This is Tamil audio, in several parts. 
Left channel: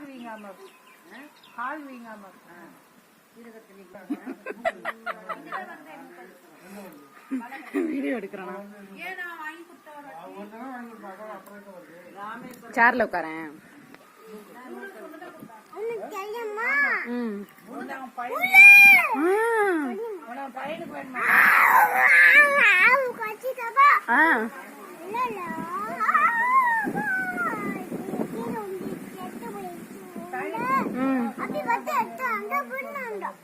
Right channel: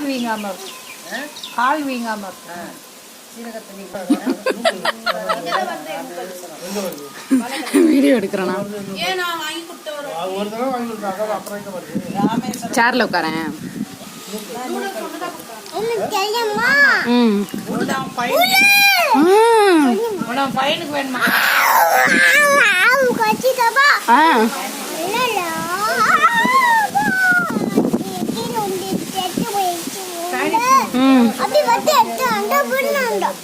கால் வீங்காம இருக்கு. கால் வீங்காம இருக்கு. வீடியோ எடுக்கிறேன்னா சேர்ல உட்காரேன். பையனுக்கு வேணுமா?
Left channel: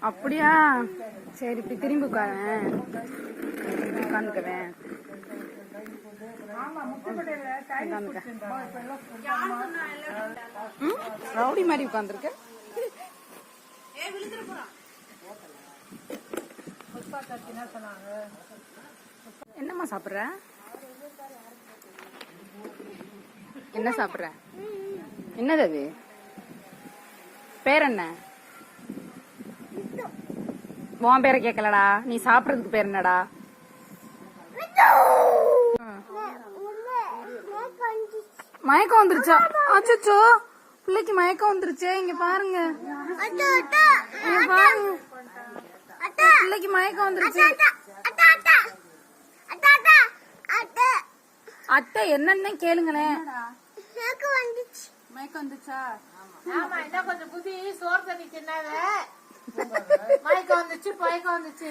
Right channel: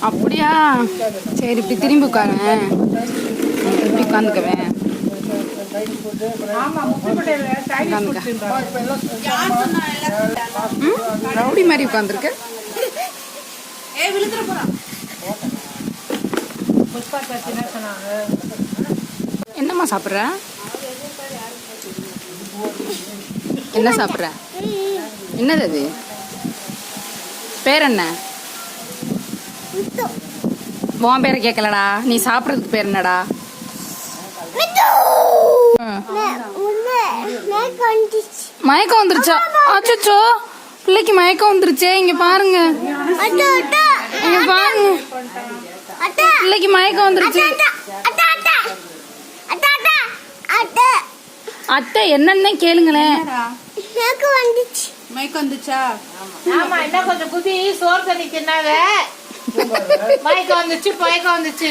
அப்படியா? சரி, இப்படி திரும்பி உட்காரேன். இப்படி உட்காந்துக்குவேன். ரவுடி மாதிரி உட்காந்துருக்கு. என்னம்மா சாப்பிட்ற? என்ன சாப்பிட்ற? என்னது அது? பேர் என்ன? உன் பேரை கேட்கலடா. நீ சாப்பிட்றதுக்கு பேர் என்னடா? மயக்கம் வந்துருச்சா? அச்சோ, பிள்ளைக்கு மயக்கம் வந்துருச்சே. இங்க பாருங்க, இங்க பாருங்க, பிள்ளைக்கு மயக்கம் வந்துருச்சு. அத்தை என்னன்னு கேளுங்களேன். மயக்கம் வந்துச்சா? ஆமா, என்ன கொஞ்சம் குதி சோறு தண்ணி தின்னாங்க. மயக்கம் வந்துச்சு, மயக்கம் வந்துச்சு.